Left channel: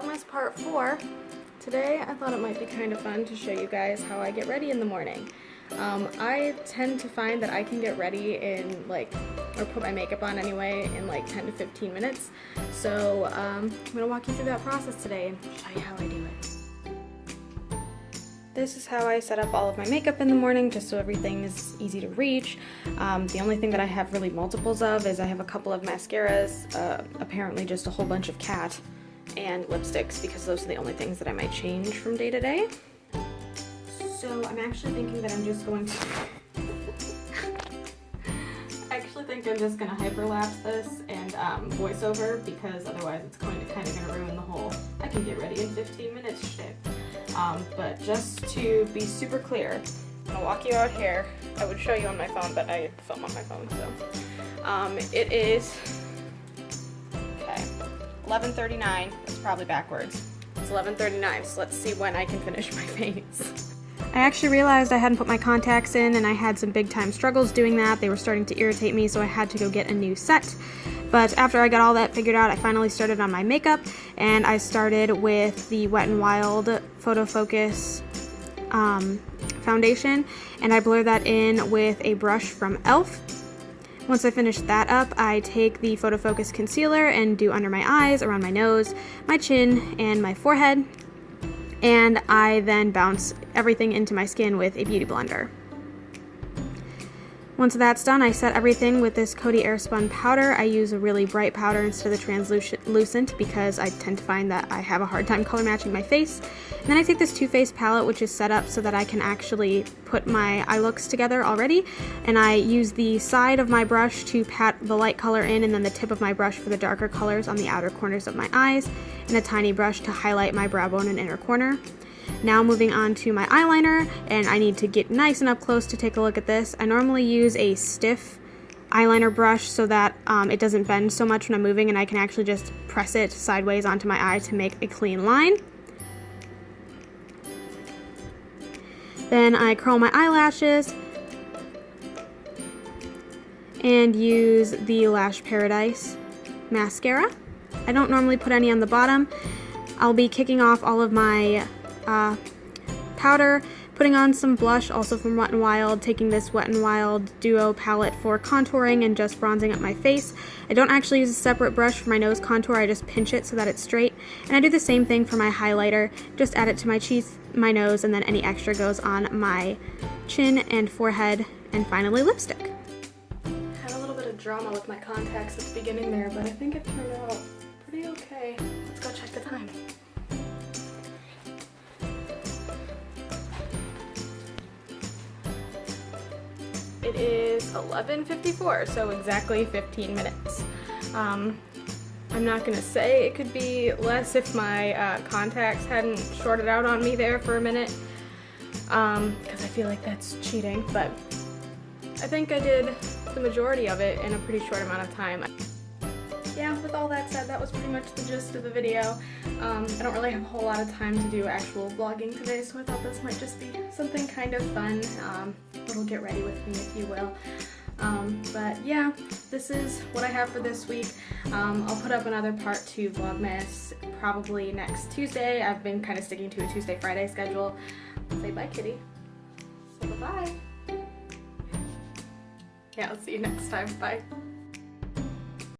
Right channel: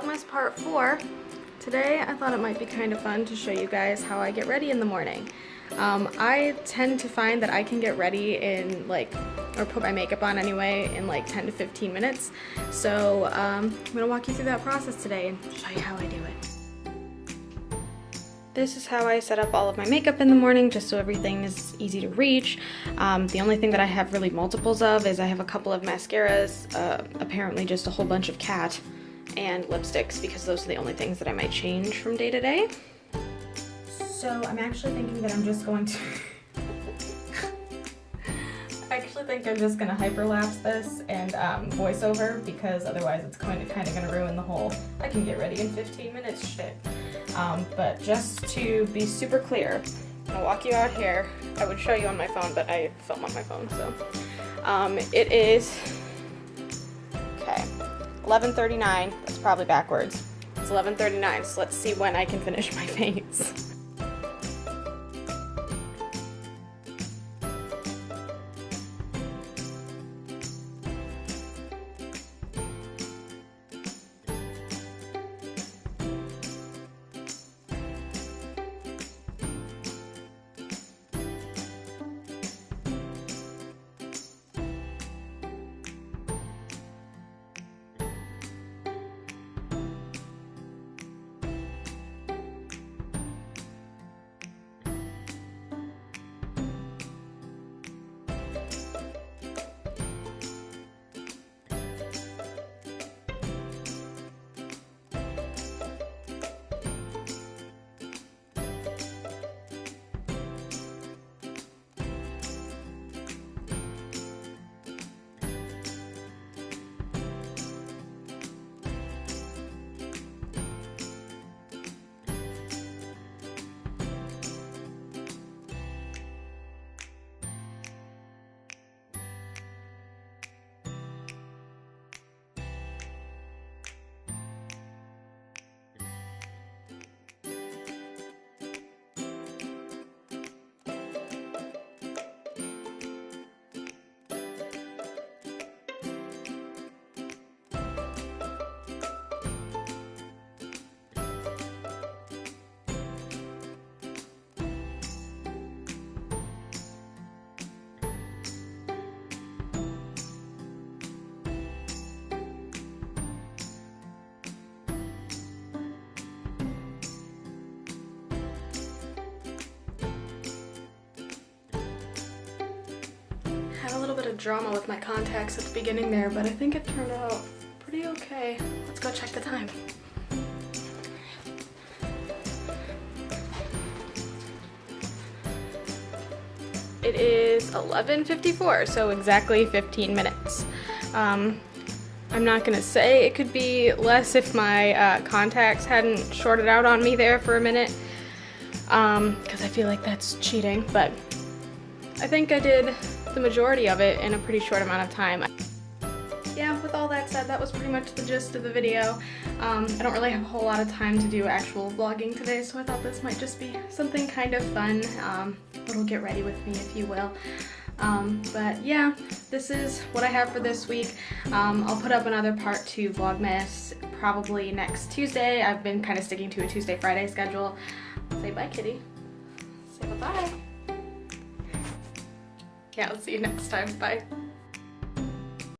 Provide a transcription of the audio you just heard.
Vlogmas part 4. Today I thought it might be kind of fun to show you guys how I get ready in the morning. I tend to find that I can get ready in or put my makeup on anyway, in like 10 to 15 minutes. So I'm gonna walk you through that process today and show you how I do it. This is how I set up all of my makeup in the morning, just so everything is easy to reach. The only thing that I have really multiples of is I have a couple of mascaras, apparently just a whole bunch of cat, and lipsticks, because those are the only things that I might change from day to day. So I'm actually thinking that I'm just going to hyperlapse this and voiceover, because otherwise it's kind of gonna ruin the whole I can get ready in 15 minutes shit. But just to be super clear, I'm gonna walk you out here. I would show you on my phone, but I film on my phone, so it is 11:39. That's probably backwards. It's 11:39, so let's see when I can finish my face. I actually realized I hadn't put my contacts in, and I had some big time struggles doing that. They were starting to irritate me, so I had to go get a new set. But after I got all that figured out, I finally started on my makeup, and I started with the Wet n Wild Photo Focus foundation, and I blur that in with a brush from e.l.f. Once I finish that up, I take the Photo Focus concealer and do under my eyes, around my nose, my chin, and my forehead. And I then bounce everything into my skin with a beauty blender. Once that's done, I set everything with this Coty Airspun powder. I use a really bright powder instead of the translucent because I tend to find that I have a hard time color matching my face. And then I take this Too Faced palette, which is set up so that I can actually put my eye looks together already. And I use the side of my brush to pat the light color in, and then the tip of my brush for the darker colors on the outer corners of my eyes, and a tiny brush to highlight my brow bone and inner corner. Now moving on to my eyeliner, and I need to get nice and up close to take a look at this. I normally use a stiff eyeliner brush so that it doesn't bend so much when I'm moving, and I can actually just press it sideways onto my eye to make a clean line. Then I curl my eyelashes and use the Lash Paradise mascara. I don't normally put any on the bottom. I'll be kicking off all of my powder, putting on some blush, also from Wet n Wild, taking this Wet n Wild Duo palette for contouring and just bronzing up my face. I don't actually use a separate brush for my nose contour, I just pinch it so that it's straight. And I do the same thing for my highlighter, just add it to my cheeks, my nose, and then any extra goes on my chin and forehead, and finally lipstick. Had a little bit of drama with my contacts at the beginning there, but I think it turned out pretty okay. Let's go check the time. It is 11:54, so exactly 15 minutes. I'm not gonna say it could be less if my contacts hadn't shorted out on me there for a minute, because I feel like that's cheating, but I think I did the majority of it in a pretty short amount of time. Yeah, with all that said, that was pretty much the gist of the video. I don't really have a whole lot of time to do actual vlogging today, so I thought this might just be something kind of fun, a little get ready with me, if you will. But yeah, this is what I have for this week. I'll put up another part 2 Vlogmas probably next Tuesday. I've been kind of sticking to a Tuesday-Friday schedule. Say bye, kitty. Say bye-bye. Yeah, I'll see you next time. Bye.